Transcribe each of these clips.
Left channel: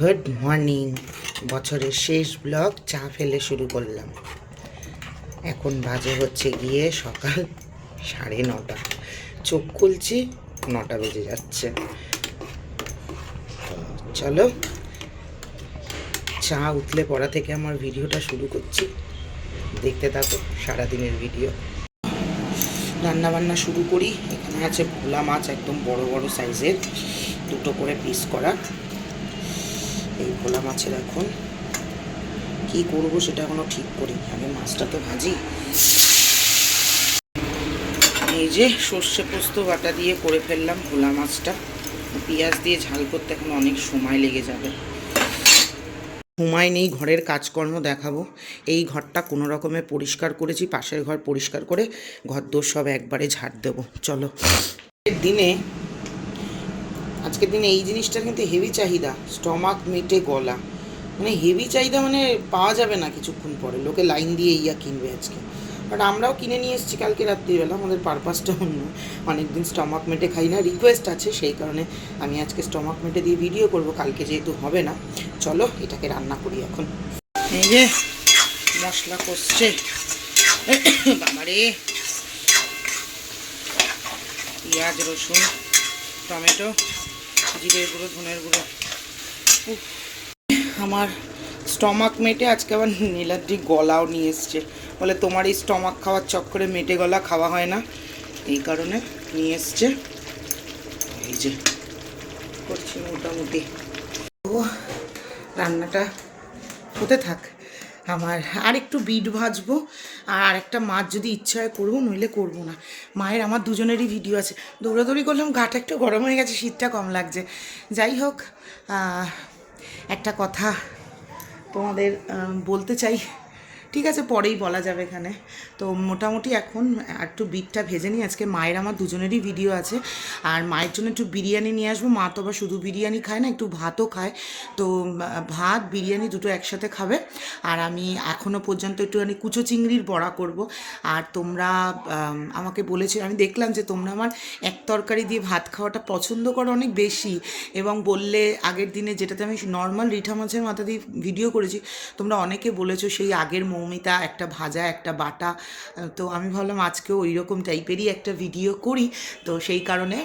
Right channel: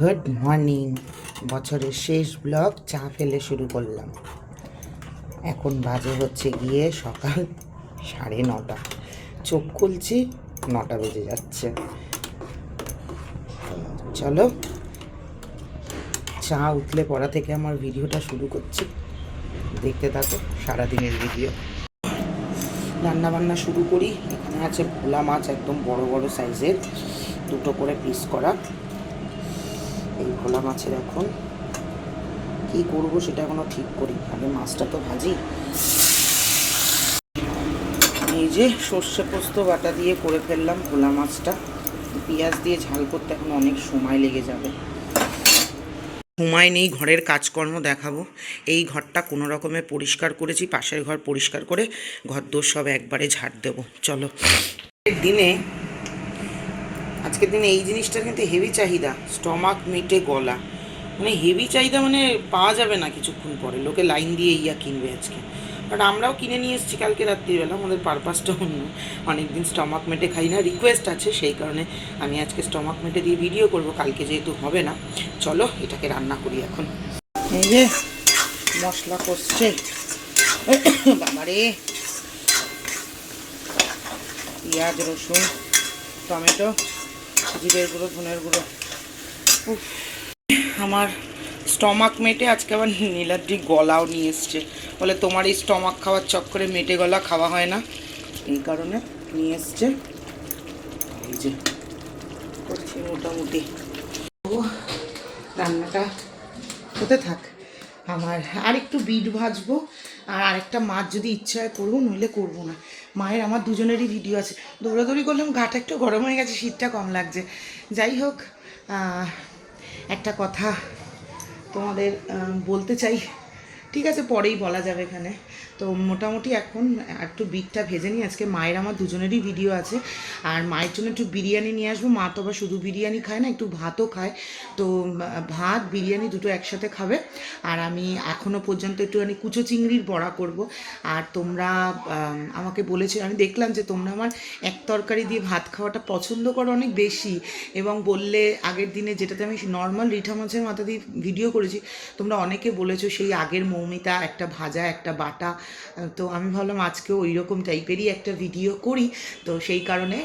Good morning. বছরের শেষ blog চা ফেলে শুরু করলাম। এখন বাজে হচ্ছে গিয়ে সকাল 9:30। চোখ খুলছি 9টা বেজে যাচ্ছে। চলো, চা উতলে পড়া থেকে আমার ভিডিওটা শুরু করছি, দেখতে থাকো সারাদিনের ভিডিও। রান্নাবান্না শুরু করি। এখানে আছে ভোলা মাছ, একদম বড় বড় সাইজের, দুটো করে পিস করা। এই ভোলা মাছের এখন কি করব সেটা এখনো ঠিক করি, আগে মাছটা তো ভাজি। এই যে সর্ষে পোস্ত বাটা দিয়ে করে ফেললাম ভোলা মাছটা। পেঁয়াজ দিয়ে ঝাল করতে এখন অনেক সময় লেগে যাবে, সময় নেই। ঘরের কাজকর্ম দেখাবো। এই ঘরটা কোনো রকমে পরিষ্কার করেছি, পাশের ঘর পরিষ্কার করে ঘরদোর সব একবারে ঝাড় দেবো। চলো। আজকের দিনে এই জিনিসটার কিন্তু হেভি চাহিদা, স্টমাক মেটে গলা। মানে হেভি চাহিদা, মানে পাওয়া যাবে না কিছুক্ষণ পরে, লোকে লাইন দিয়ে ইয়া কিনবে আজকে। বাট আমরাও কিনে নিয়ে এসেছি কালকে রাত্রিবেলা, আমাদের পারপাসটা অন্য। অনেকদিন স্টমাক মেটে খাই না, রিকোয়েস্ট আছে, সেই কারণে আমি আজকে স্টমাক মেটে দিয়ে ভিডিও করব, কালকে যেহেতু হবে না। চলো এটাকে রান্না করি এখন। এই যে মশলা কষছে, বাবারে, পেঁয়াজ রসুন টমেটো জিরের গুঁড়ো ধনের গুঁড়ো। আমার স্টমাক মেটে আজকে আবার নীলাদ্রি গলাও নিয়ে এসছে, বলে তোমার এই স্টমাক খাওয়ার চক্করে মেটে গলা খাওয়া হয় না, এই কারণে নিয়ে এসছে। এই যে করছি মোটামুটি। ও রান্নাটা হতে থাক, আমার আর একটু বিট ভাজবো, আর আরেকটা মাছ যদি ইচ্ছা হয় করবো, নইলে করবো না। মায়ের আমার দুজনেরই ভিডিও আছে। দৌড়াদৌড়ি করলাম, গাটা একটু গরম হয়ে গেছে, শীতটা কম লাগছে। যাই হোক, একটা কথা তোমাদের বলতে চাই, ঠিক আছে পরেই বলা যাবে এখানে। তো মোটামুটি এখন একটু বিটটা ভেজে নিই। আজকে মায়ের আমার দুজনেরই ভিডিও আছে, আর মায়ের জন্য একটু বিরিয়ানি নিয়ে আসবো। মা তো আবার শুধু বিরিয়ানি খায় না, একটু ভাতও খায়। তো ভাত বিরিয়ানি দুটো একসাথে খাবে। আর আমি এখনও পর্যন্ত একটুখানি কুচো চিংড়ির বড়া করব। আর তোমরা আমাকে বলেছে, আমি দেখলাম যে তোমরা আমার এক তরকারি দিয়ে ভাত খাওয়াটা পছন্দ করো অনেক বেশি, এবং বললে আগের দিনে যেটাতে আমি নর্মাল রিঠা মাছের মাথা দিয়ে ভিডিও করেছি, তোমরা অনেকে বলেছো সেই আগের মৌমিতা, একটা ভাজা একটা বাটা। তো আমি ভাবলাম আজকেও ওই রকম টাইপেরই একটা ভিডিও করি, তো সেই কারণে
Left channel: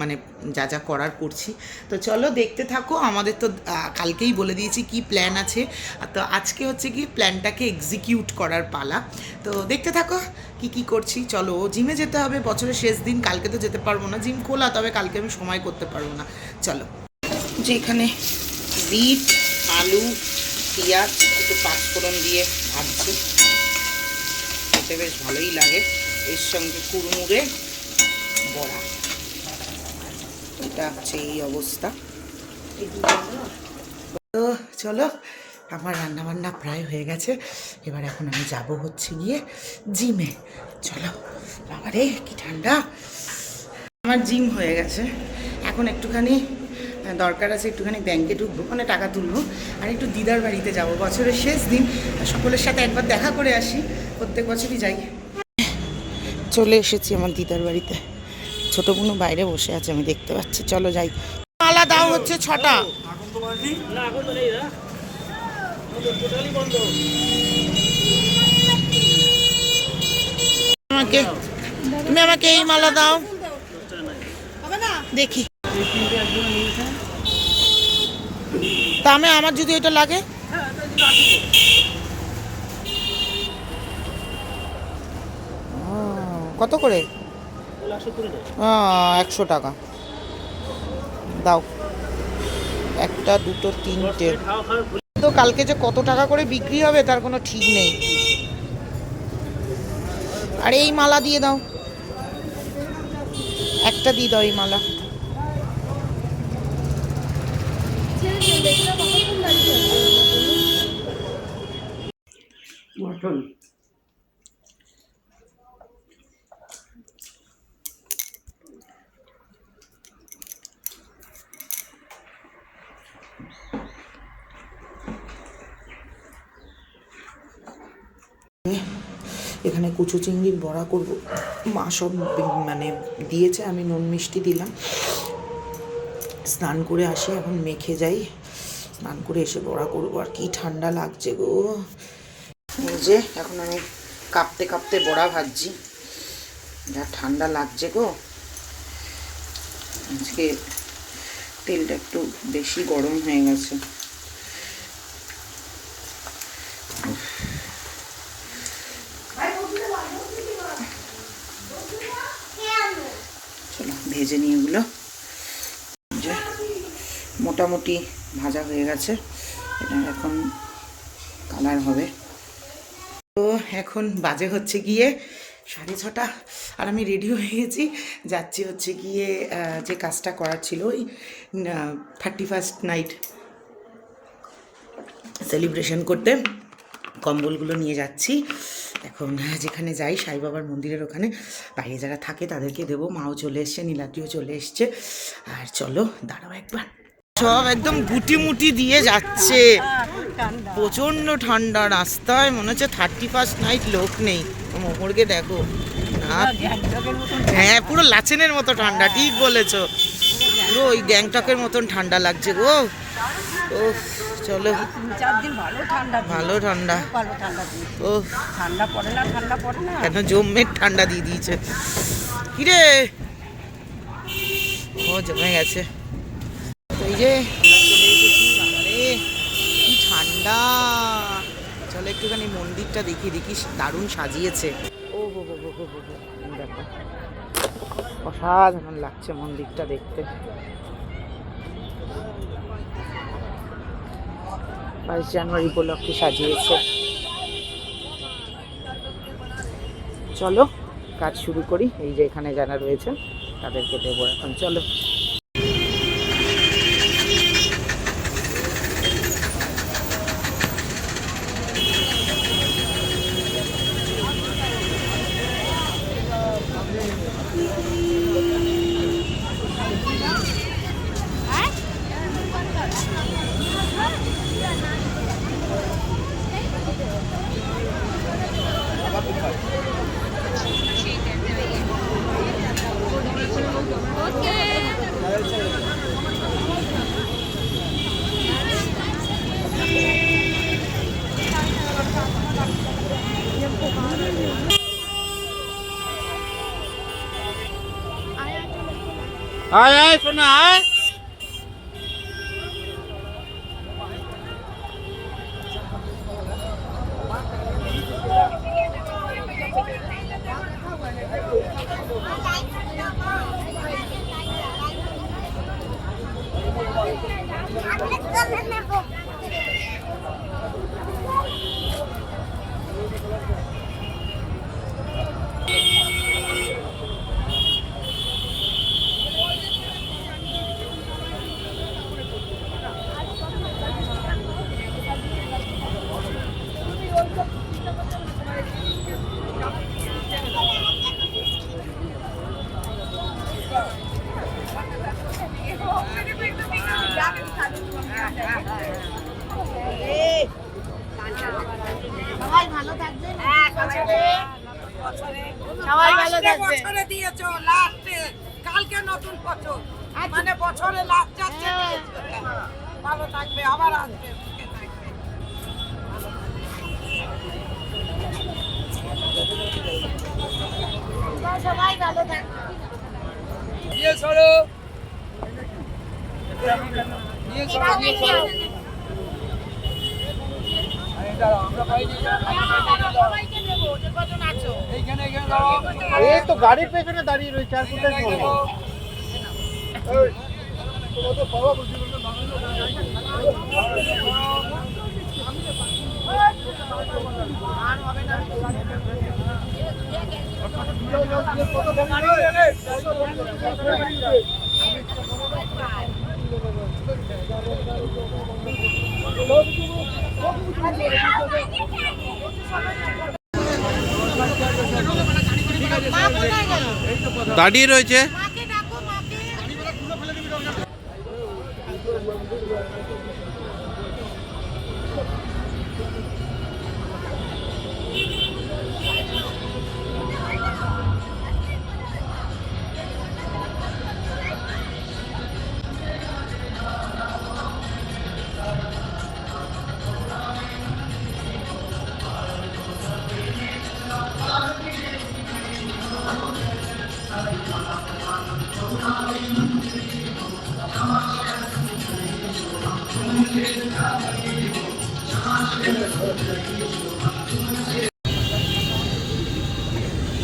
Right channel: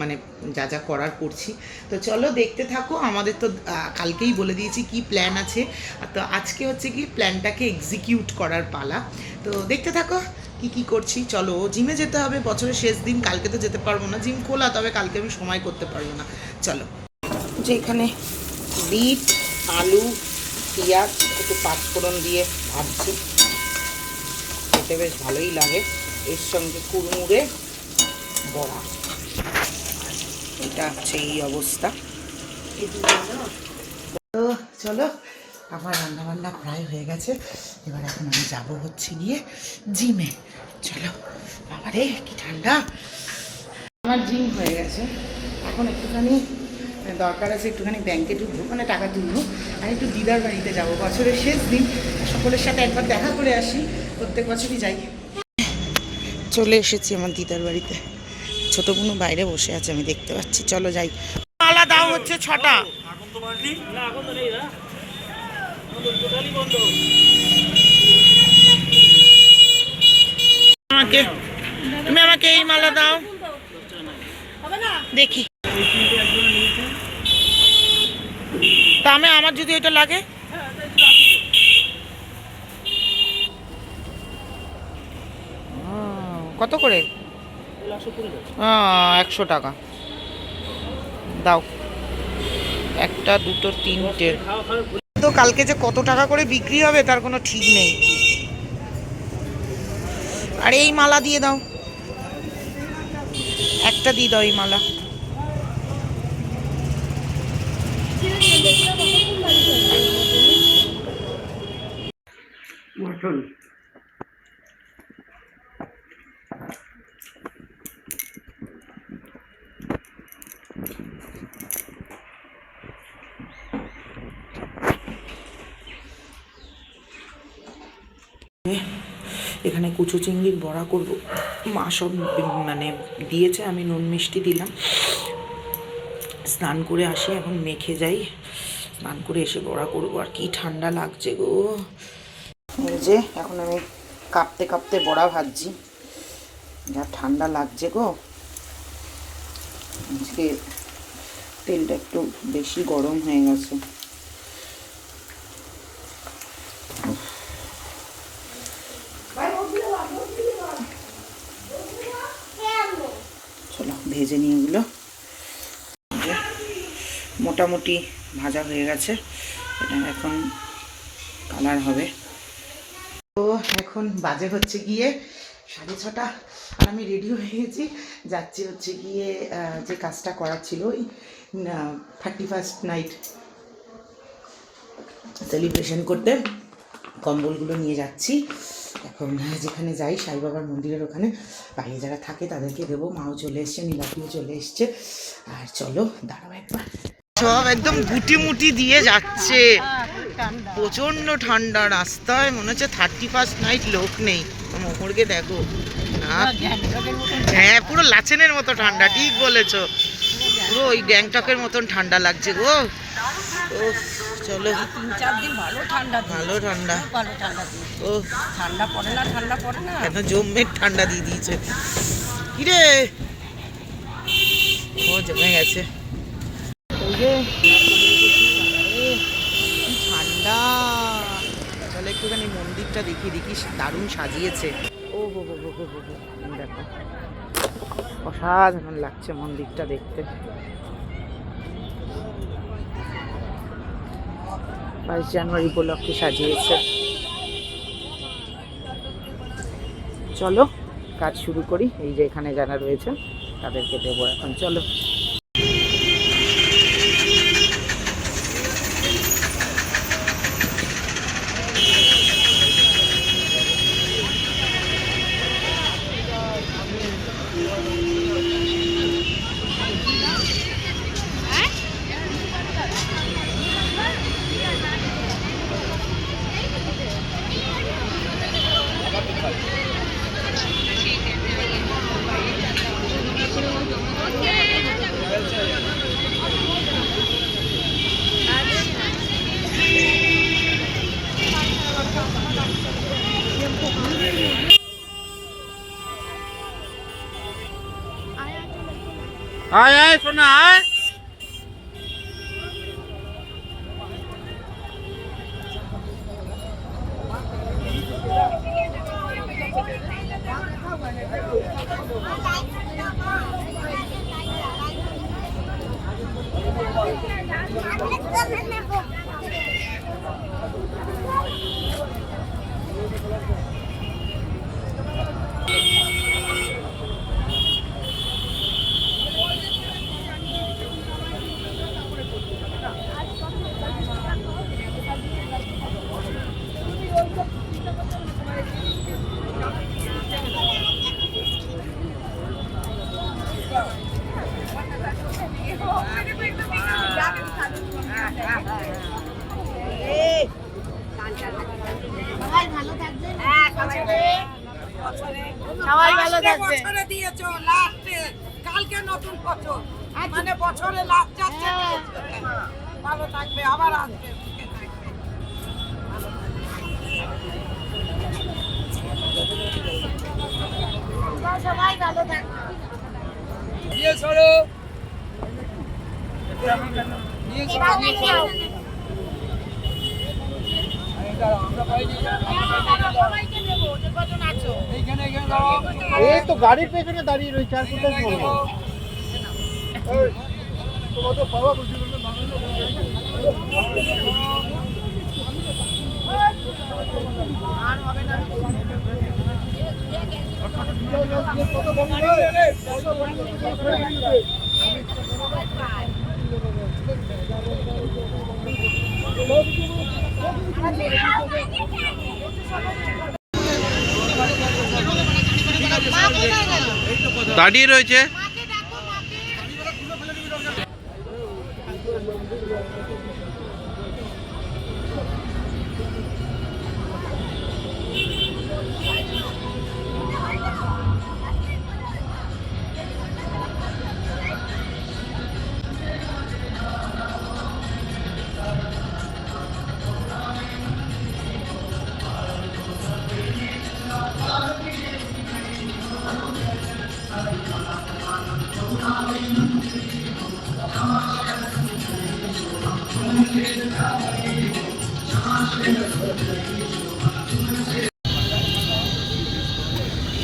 মানে যা যা করার করছি। তো চলো দেখতে থাকো। আমাদের তো কালকেই বলে দিয়েছি কি প্ল্যান আছে, তো আজকে হচ্ছে কি প্ল্যানটাকে এক্সিকিউট করার পালা। তো দেখতে থাকো কি কি করছি। চলো, জিমে যেতে হবে, বছরের শেষ দিন, কালকে তো যেতে পারবো না, জিম খোলা, তবে কালকে আমি সময় করতে পারবো না। চলো, যে এখানে বিট আলু পেঁয়াজ একটু পাঁচফোড়ন দিয়ে ভাজছি, খেতে বেশ ভালোই লাগে। এর সঙ্গে কুড়মুড়ে বড়া, এটা হচ্ছে এই অবস্থা। তো চলো, আমার রান্নাবান্না প্রায় হয়ে গেছে, এবার এখন আমি যাব হচ্ছে গিয়ে জিমে। চলো, বাবারে কি ঠান্ডা। আমার জিম হয়ে গেছে, এখন একটুখানি দরকার আছে, একটুখানি ব্যাংকে ঢুকবো, মানে টাকা তুলবো, আর একটু দিদার বাড়িতে যাব, বছরের শেষ দিন, সকলের সাথে একবার দেখা করে আসি, প্রত্যেক বছরই যাই। চলে এসেছি আমার দিদার বাড়িতে, ছোটো বোনও বাইরে বসে আছে, আমি দেখতে পাচ্ছি। চলো যাই। মালা দাও হচ্ছে 6টা। আমাকে, তুমি আমাকে এই মালা দাও দেখি। তা আমি, আমার যদি এটা লাগে, কত করে? 100 টাকা দাও, একটা দুটো তিনটে। তো কালকে যে কত টাকা করে বিক্রি হবে তার কোনো ঠিক নেই। আর এই মালা দিয়ে দাও, একটা দিয়ে দাও এই মালা। এখানে কুচো চিংড়ির বড়া করব, মা সব মানে দিয়েছে, আমি নুন মিষ্টি দিলাম। স্নান করে আসি, এখন মেখে যাই, স্নান করে এসে বড়া করবো। আর কি ঠান্ডা লাগছে গো। এই যে এখন আমি কাঁপতে কাঁপতে বড়া ভাজছি, যা ঠান্ডা লাগছে গো। আজকে তেলটা একটু বেশি গরম হয়ে গেছে। চলো ভেজে নিয়ে এগুলো, মোটামুটি ভাজা হয়ে গেছে, এটা এখন কালার হবে। তো এখন বাজে হচ্ছে গিয়ে 6:30, আর আমি রেডি হয়ে গেছি, যাচ্ছি হচ্ছে গিয়ে যে কাজটা করার ছিল ওই 31st নাইট সেলিব্রেশন করতে। কম্বলগুলো নিয়ে যাচ্ছি এখন, যেখানে যাই সাই বাবার মন্দিরের ওখানে বাইরে যারা থাকে তাদেরকে দেবো। মাও চলে এসছে, নীলাদ্রিও চলে এসছে। আর চলো দাঁড়াও একবার, সব একদম গুটি মুটি দিয়ে যাচ্ছে, প্রচণ্ড ঠান্ডা রাস্তায়, মনে হচ্ছে 31st নাইট লোক নেই। মোহরকে দেখো না, হ্যাঁ পুরো লাচেনের মতো ঠান্ডা, ঠিক বলেছো, পুরো ওই গ্যাংটকের মতন ঠান্ডা লাগছে গো। ও চলো, 3-4 দিন ভালো ঠান্ডা, ভালো ঠান্ডা, ও ঠান্ডা পড়ে না কেন জমের ঠান্ডা দিয়ে দিয়েছে। কিরে ও জমে গেছে। ওই যে কি ঠান্ডা। চলো একটুখানি মন্দিরটা দেখি, দেখি দারুণ সাজিয়েছে। ও হো হো হো হো হো, দেখো অসাধারণ লাগছে মন্দিরটা দেখতে। 22 জানুয়ারি উপলক্ষে সাজিয়েছে। চলো কাজ শুরু করি। এই যে এখানে যারা রয়েছে তাদেরকে দেবো এখন, চলো। আয় আয় শোনা আয়। সবাই ভালো থাকবেন, সবাই ভালো থাকবে। বছরে দিয়েছো লাস্টে, কালকে নতুন বছর, মানে বছরে লাস্ট যাচ্ছে, ভালো থাকবে, আবার আসবে, সুখে থাকবে। সবাই ভালো থাকবে। নিয়ে সরো, নিয়ে সরো, নিয়ে সরো। এই তো গাড়ির পেছনে দাঁড়িয়ে রয়েছে, আর কোথায় বলবো। দাঁড়িয়ে রয়েছে।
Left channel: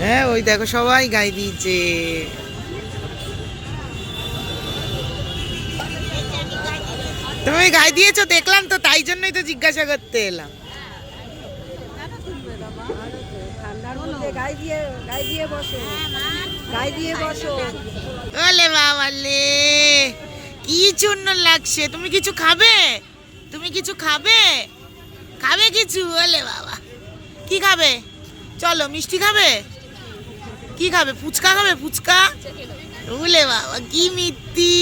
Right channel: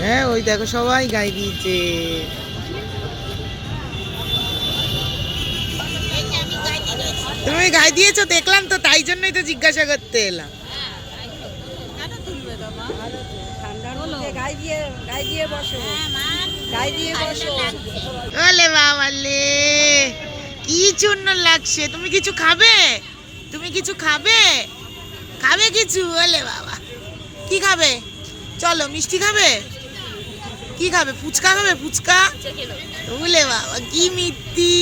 হ্যাঁ ওই দেখো সবাই গায়ে দিয়েছে। তুমি গায়ে দিয়েছো দেখলাম তো, তাই জন্যই তো জিজ্ঞাসা করতে এলাম। ওলে বাবালে কি সুন্দর লাগছে। তুমি কিছু খাবে? তুমি কিছু খাবে? খাবে কিছু? ওলে বাবা কি খাবে? চলো মিষ্টি খাবে? কি খাবে? ফুচকা খাবে? ফুচকা? ওলে বাবা কি মিষ্টি।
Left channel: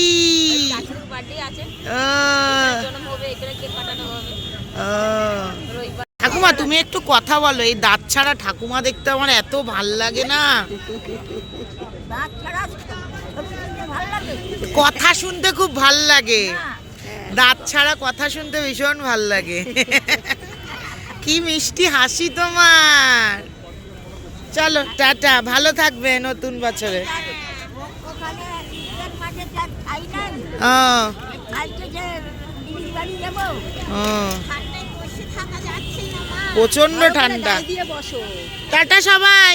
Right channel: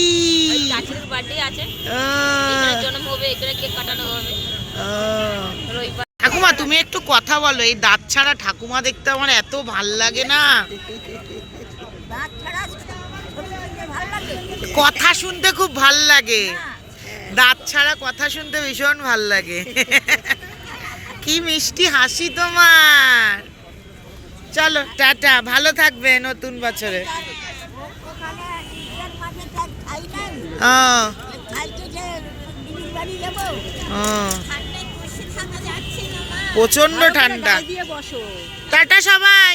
ঠাকুমা তুমি একটু কথা বলো, এই দাঁত ছাড়া ঠাকুমা দেখতে আমার এত ভাল লাগে না। কথা শুনতে খুব ভাল লাগে, দাঁত ছাড়া কথা শুনতে ভীষণ ভাল লাগে। কি মিষ্টি হাসি তোমার। চলো টাটা, ভালো থাকবে নতুন বছরে। প্রচন্ড ঠান্ডা। টাটা সবাই,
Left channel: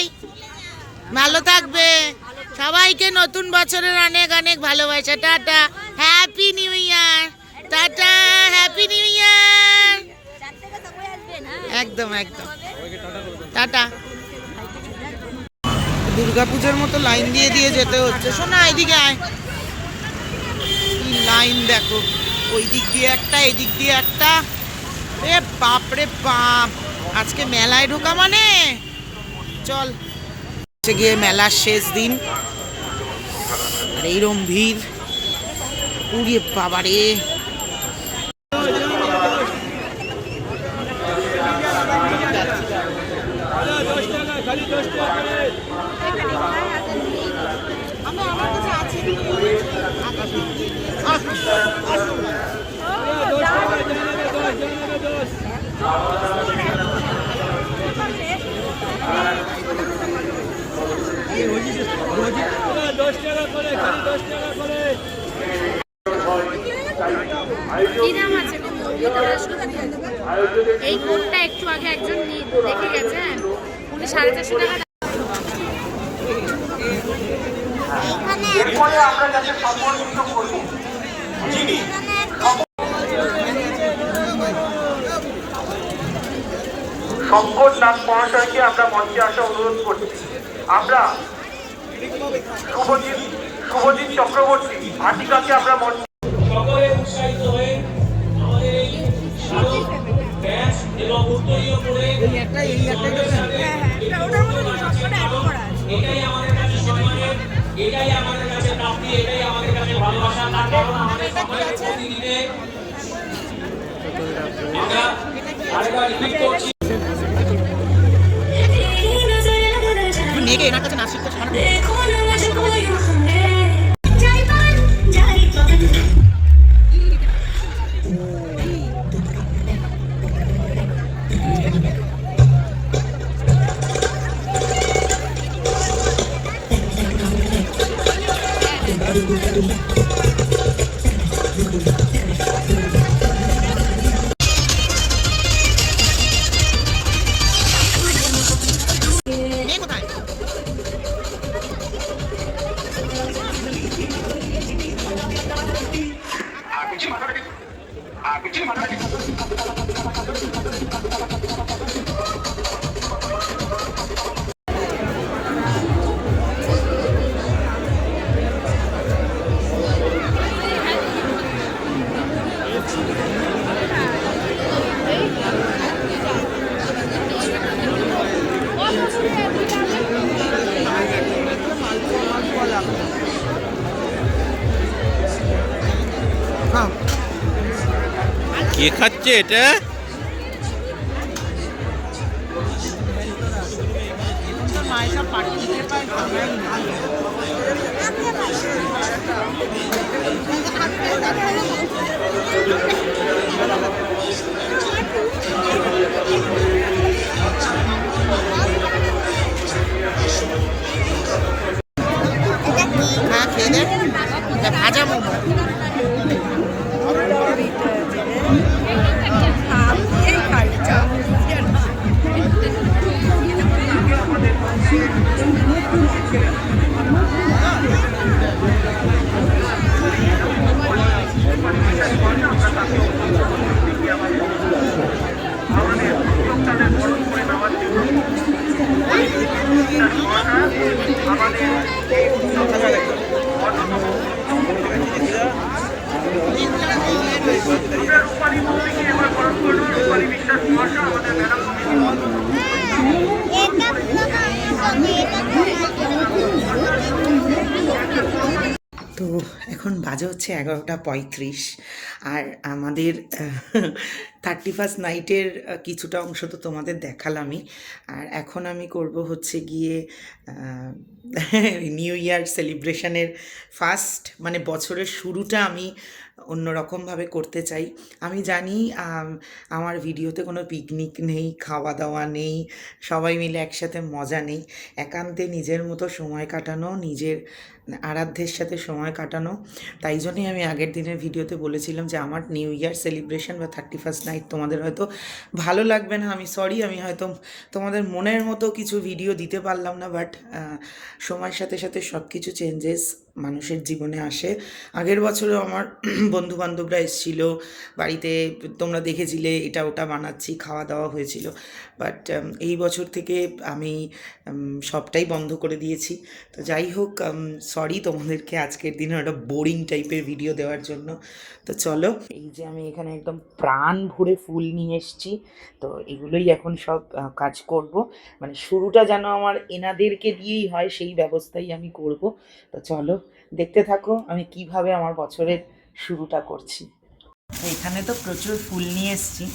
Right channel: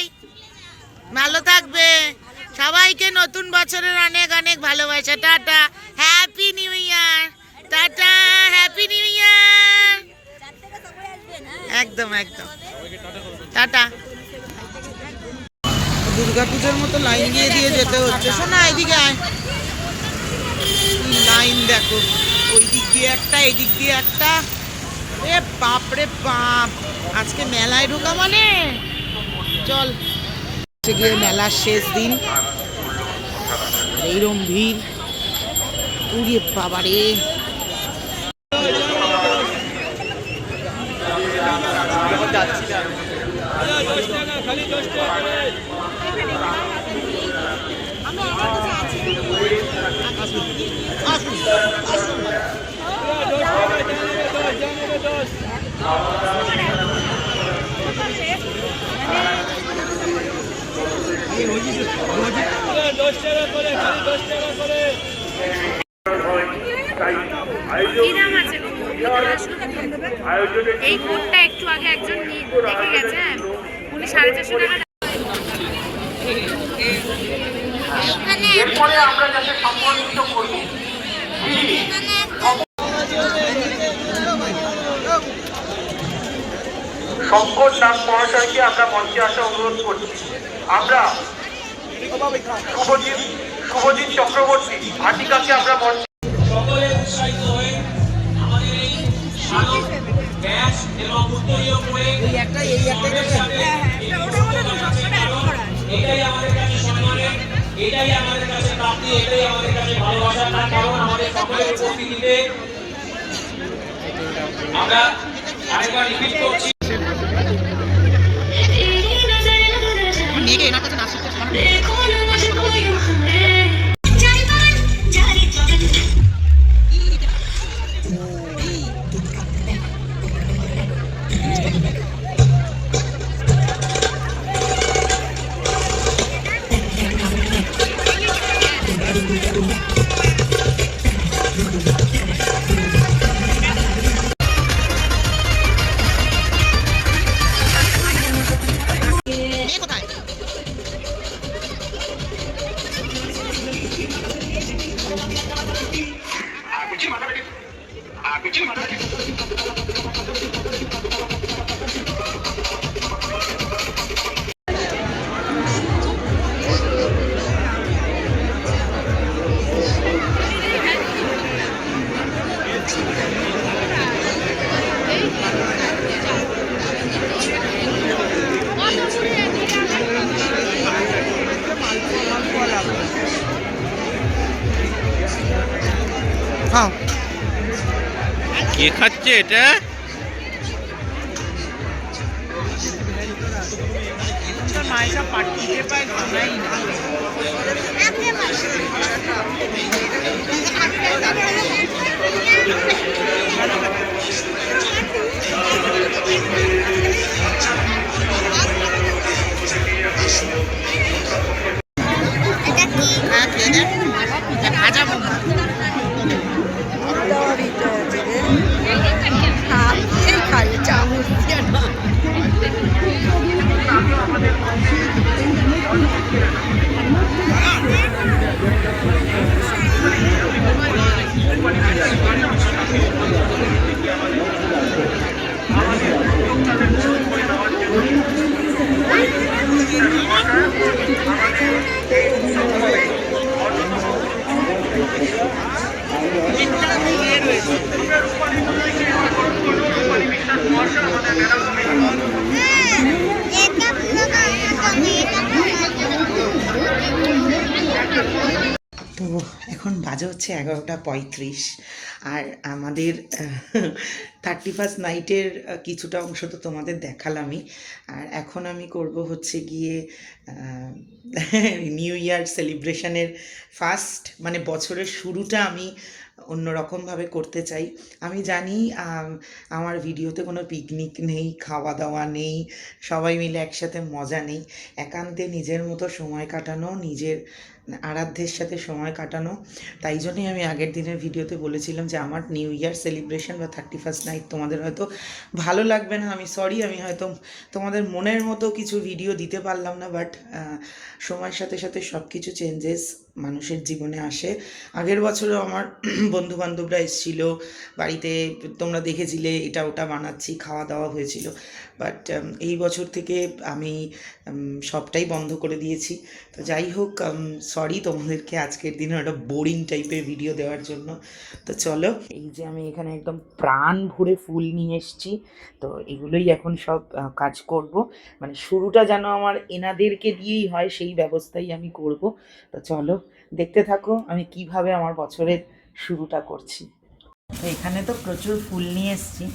ভালো থাকবে। সবাইকে নতুন বছরের অনেক অনেক ভালোবাসা। Tata, happy new year. Tata, happy new year. একদম একদম টাটা। দুর্গাপূজার মতো লাইন দিয়ে দিয়ে যেতে হচ্ছে। শোনা এদিকে আয়, লাইন দেখো, ওই দিক দিয়ে একটা, এই দিক দিয়ে একটা। রে বাপ রে বাপ, আজকে মেলায় ঢোকা মানে চল। গিয়ে মেলার শেষ দিন আর এইরম ভিড়, উড়িয়ে বাবারে। এই কোটটা একটু আগে একজন দেখে গেছে, 450 টাকা। শঙ্কর নাথ মহাশয়কে আমরা মঞ্চে আসা অনুরোধ করছি। আমরা শুভজিৎ চক্রবর্তী ভাটিকাকে আমরা মঞ্চে সকলে উৎসাহিত হয়ে আমাদের এই শারদ ব্যাস এবং উত্তরীয় করে এটাই আমাদের কাছে সম্মানের, এটাই আমাদের কাছে প্রাপ্তি, এটাই আমাদের কাছে ভালোবাসা। তার কারণ আমাদের সকলের প্রতিনিধিতে আমরা আরেকবার রিপিট করছি। কে খাচ্ছে এটা? ভাজা মোমো স্যানিটাইজ করে আমরা তাকে অভ্যস্ত করে দিচ্ছি আমাদের উদ্যোক্তাদের বরণ করে নেওয়ার জন্য আমরা রূপালী সিনেমার বরণ করলেও রূপালী বিশ্বাস মহাশয় আমাদের তো এখন বাজে হচ্ছে 11:35 আর আমাদের 31st নাইটের কিছুটা অংশ তো তোমাদের দেখালামই। আর এখন আমি করব হচ্ছে গিয়ে নিউ ইয়ার সেলিব্রেশনের ফার্স্ট মানে বছরের শুরুটা আমি অন্যরকমভাবে করতে চাই। আমি জানি আমার ভিডিওতে কোনো পিকনিক নেই, খাওয়া দাওয়া নেই, সবাই মিলে একসাথে মজা নেই, একান্তে নিজের মতো সময় কাটানো, নিজের আরাধ্যের সাথে সময় কাটানো। তাই জন্যই আমি আগের দিনের ভিডিওতে বলেছিলাম যে আমার নিউ ইয়ার সেলিব্রেশন বা 31st নাইট তোমাদের হয়তো ভালো লাগবে না, আমি সরি, আমি হয়তো তোমাদের মনের মতো কিছু ভিডিও দিতে পারলাম না। বাট সময়ের সাথে সাথে সব কিছু চেঞ্জেস মানুষের জীবনে আসে। আগের বছরও আমার বন্ধুবান্ধবরা এসেছিলো বাড়িতে, তোমরা দেখেছিলে এটা ওটা বানাচ্ছি, খাওয়া দাওয়া হয়েছিল। বাট এই বছর থেকে আমি সবটাই বন্ধ করে দিয়েছি। তো যাই হোক, সরি তোমাদেরকে আজকের দিনে একটা বোরিং টাইপের ভিডিও দেওয়ার জন্য। তো চলো, এই যে আমি এখানে একদম প্রাণ ভরে ফুল নিয়ে এসেছি, তো এগুলোই এখন সব কাজ করব। মানে শুরুটা যেন আমার এনাদেরকে দিয়েই হয় সেই ব্যবস্থাই আমি করব। তো চলো দেখতে থাকো আমি কিভাবে আমার বছরের শুরুটা করছি। তো এখানে তো প্রচুর ফুল নিয়ে এসেছি,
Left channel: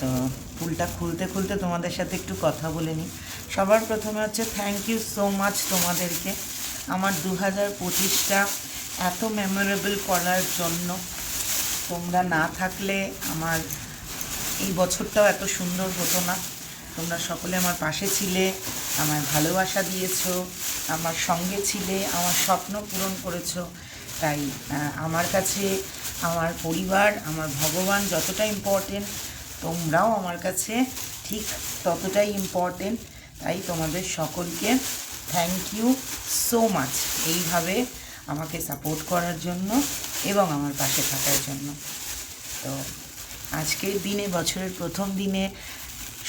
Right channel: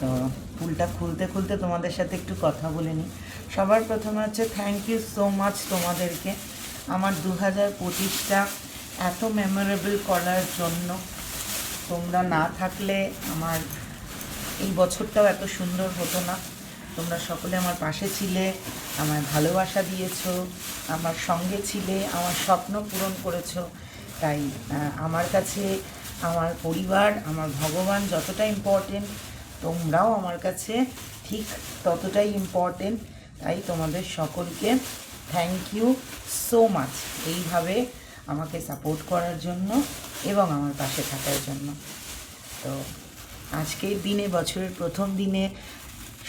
তো ফুলটা খুলতে খুলতে তোমাদের সাথে একটু কথা বলে নিই। সবার প্রথমে হচ্ছে থ্যাংক ইউ সো মাচ তোমাদেরকে আমার 2025টা এত মেমোরেবল করার জন্য। তোমরা না থাকলে আমার এই বছরটাও এত সুন্দর হতো না। তোমরা সকলে আমার পাশে ছিলে, আমায় ভালোবাসা দিয়েছো, আমার সঙ্গে ছিলে, আমার স্বপ্ন পূরণ করেছো। তাই আমার কাছে আমার পরিবার, আমার ভগবান যতটা ইম্পর্টেন্ট, তোমরাও আমার কাছে ঠিক ততটাই ইম্পর্টেন্ট। তাই তোমাদের সকলকে থ্যাংক ইউ সো মাচ এইভাবে আমাকে সাপোর্ট করার জন্য এবং আমার পাশে থাকার জন্য। তো আজকের দিনে, বছরের প্রথম দিনে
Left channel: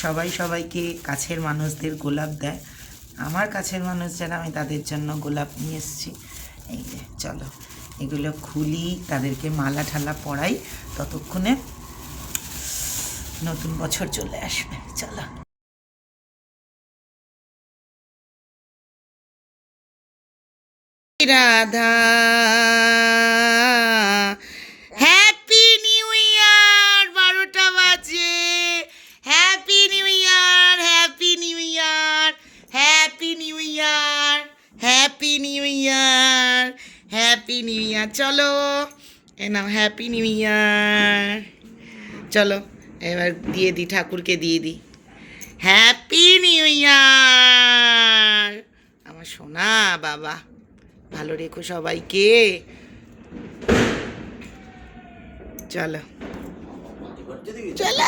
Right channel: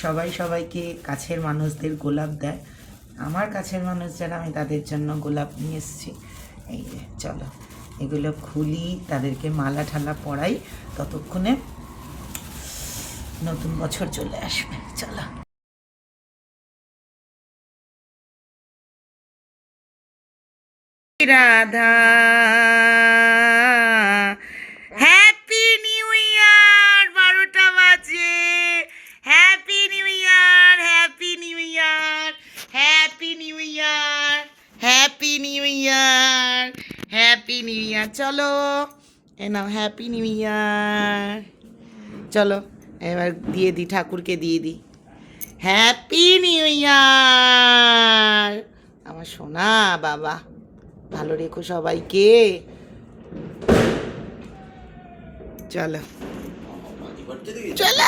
সবাই সবাইকে কাছের মানুষদের গোলাপ দেয়। আমার কাছের মানুষ যারা, আমি তাদের জন্য গোলাপ নিয়ে এসেছি। এই যে চলো এগুলো খুলি, তাদেরকে মালা ঠালা পরাই, ততক্ষণে নতুন বছর চলে আসবে। চলো। রাধা হ্যাপি নিউ ইয়ার, 12টা বাজে। Happy new year, happy new year, happy new year, happy new year, happy new year. চলো এ নাও হ্যাপি নিউ ইয়ার। চলো এবার দিয়ে দিই, ঠাকুরকে দিয়ে দিই হ্যাপি নিউ ইয়ার। আমার সোনা বাবা, ভালো রেখো সবাইকে। চলো চলো,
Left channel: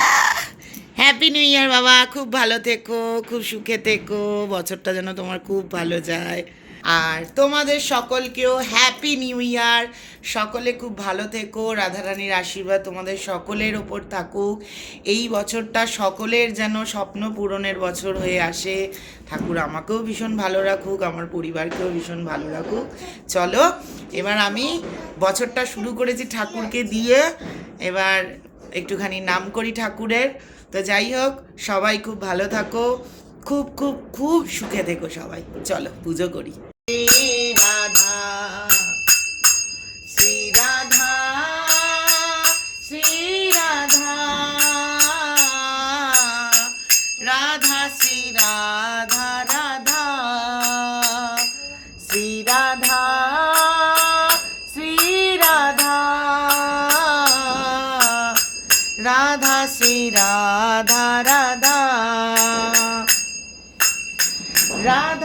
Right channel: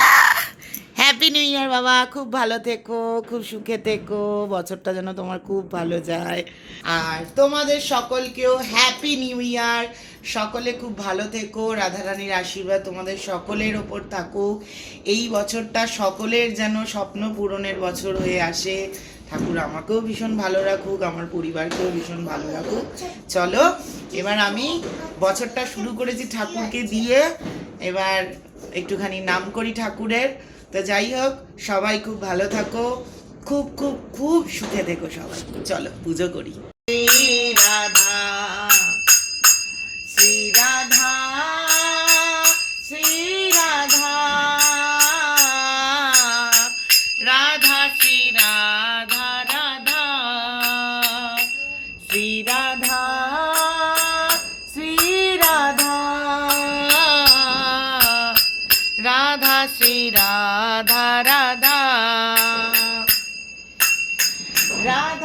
হ্যাপি নিউ ইয়ার বাবা, খুব ভালো থেকো, খুব সুখে থেকো, বছরটা যেন তোমার খুব ভালো যায়। আর তোমাদের সকলকেও হ্যাপি নিউ ইয়ার। সকলে খুব ভালো থেকো, রাধারানীর আশীর্বাদ তোমাদের সকলের ওপর থাকুক। এই বছরটা সকলের যেন স্বপ্ন পূরণের বছর হয়ে আসে। ঠাকুর আমাকেও ভীষণ ভালো রাখুক, আমার পরিবারকেও ভীষণ ভালো রাখুক। চলো এবার আমি বছরটা শুরু করেছি ঠাকুরকে দিয়ে, এবার একটুখানি নাম করি ঠাকুরের। তো যাই হোক, সবাই খুব ভালো থাকো, খুব খুব খুব সুখে থেকো সবাই। চলো পুজো করি। রাধা শ্রী রাধা শ্রী রাধা রাধা শ্রী রাধা রাধা শ্রী রাধা শ্রী রাধা রাধা শ্রী রাধা রাধা রাধা